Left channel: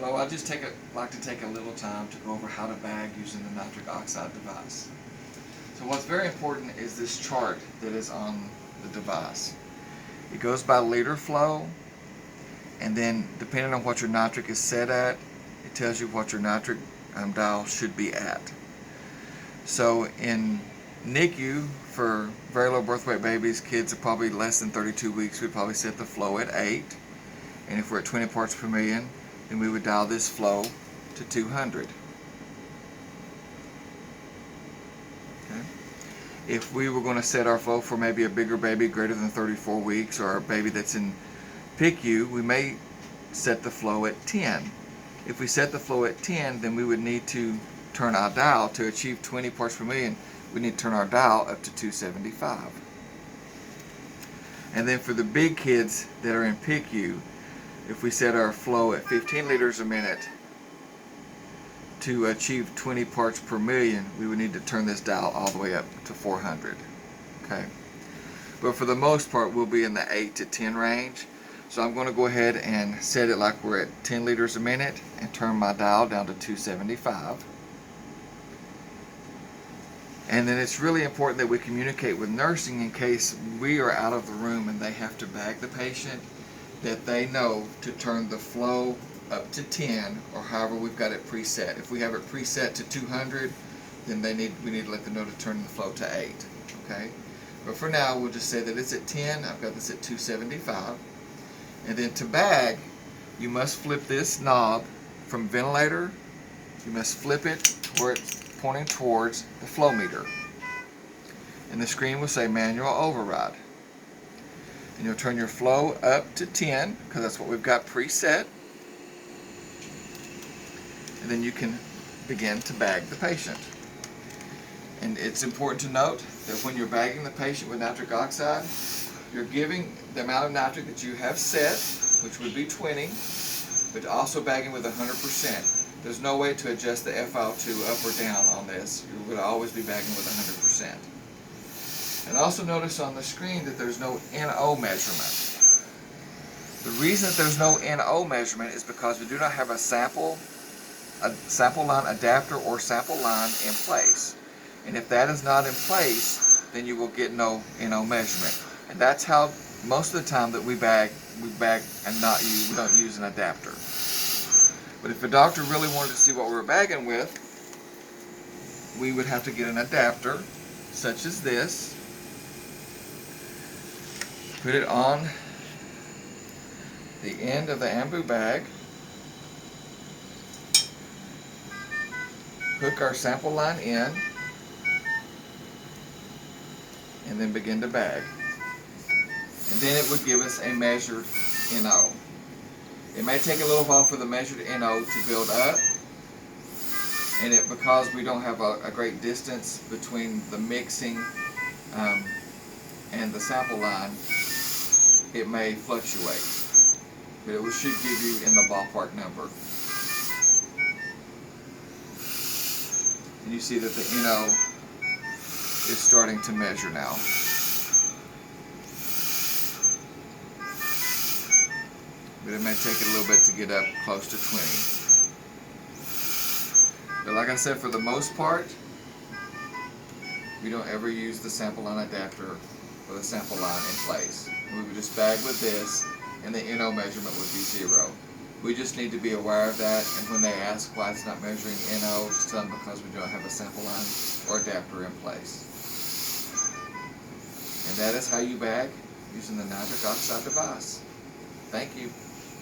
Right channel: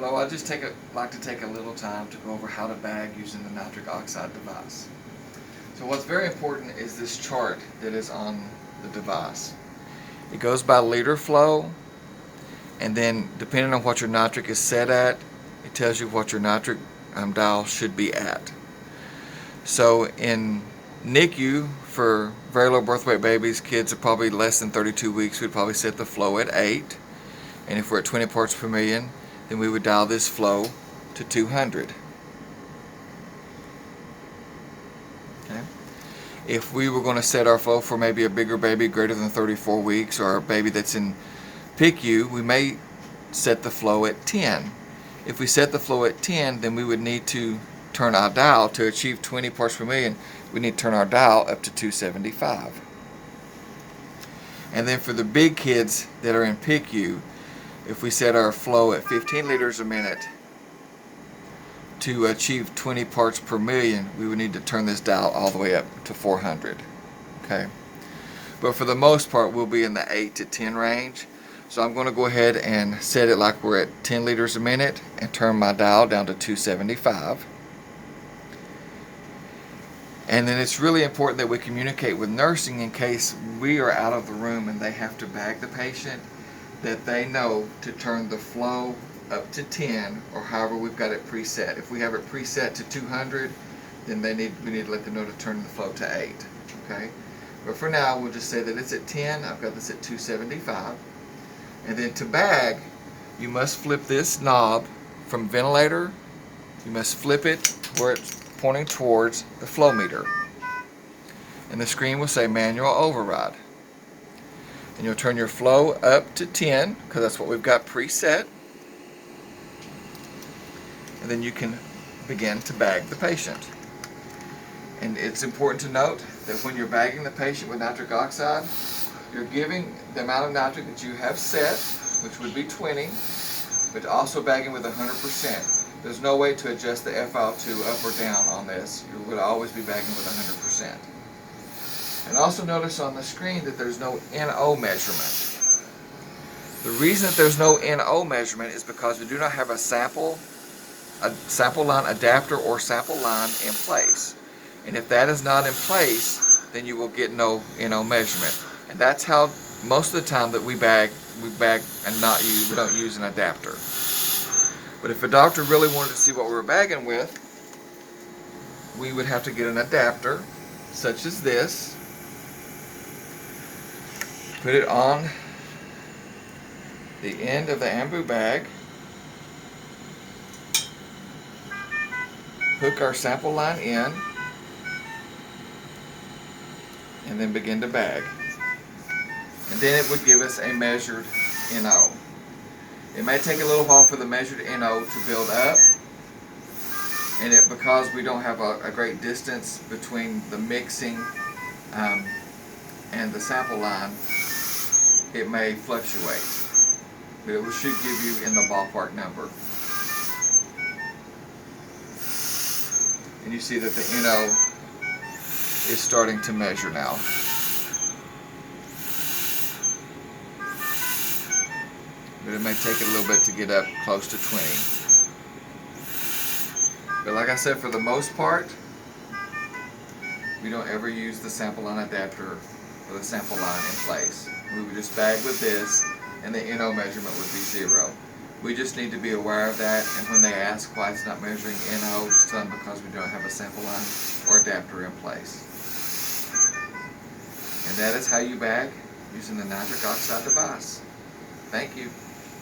Hello, I'd just like to take a little time to go over how to bag using the nitric oxide device. So what's very important is this chart that is on the device. It goes by liter flow, and then depending on what your nitric is set at, it tells you what your nitric dial should be at. So in NICU, for very low birth weight babies, kids are probably less than 32 weeks, we'd probably set the flow at 8. And if we're at 20 parts per million, then we would dial this flow to 200. Okay. If we were going to set our flow for maybe a bigger baby greater than 34 weeks or a baby that's in PICU, we may set the flow at 10. If we set the flow at 10, then we would need to turn our dial to achieve 20 parts per million. We need to turn our dial up to 275. And then for the big kids that are in PICU, if we set our flow at 15 liters a minute to achieve 20 parts per million, we would need to turn this dial all the way up to 400. Okay. But for the most part, we'll be in the 8 to 10 range. So I'm going to go ahead and set it like we're at 10 liters a minute and turn my dial down to 275. And then it's really important that we communicate with nursing in case we are out of the room and they have to bag the patient, that they know to turn the flow up to 10 or however we've got it preset. If we have it preset to 200, then we need to let them know to turn the flow to 8. Okay? But for now, we'll just say that it's at 10. I've got this at 275. And then to bag, you must flip this knob from ventilator. You must flip it where it's pointing towards the flow meter. And the screen will say manual override. And you'll turn your flow up to 10 because that's what we've got preset. And then you can begin to bag the patient. And it's important to note that when you're bagging the patient with nitric oxide, you're giving the amount of nitric that you have set, which would be 20, but also bagging with 100%. There's no way to adjust the FiO2 up or down on this. You're going to always be bagging with 100%. And also notice on the screen that there's no NO measurement. The reason that there's no NO measurement is because we do not have a sample line adapter or sample line in place. And if that is not in place, then you will get no NO measurement. And that's how most of the time that we bag and we don't use an adapter. But if a doctor really wanted to see what we're bagging with, we would have to get an adapter, such as this. Put it on the end of the ambu bag. Hook our sample line in. And then begin to bag. And then it would give us a measured NO. It may take a little while for the measured NO to build up. And because we don't have a great distance between the mixing and the sample line, it may fluctuate, but it should give you in the ballpark number. And you see that the NO is starting to measure now. But it may take it a little bit to get up close to 20. But like I said, for the most part, we don't ever use the sample line adapter or the sample line in place. We would just bag with this, and the NO measurement would be 0. We just need to be aware of that, and when they ask why it's not measuring NO, just tell them because we don't have a sample line or adapter in place. And that is how you bag using the nitric oxide device. Thank you.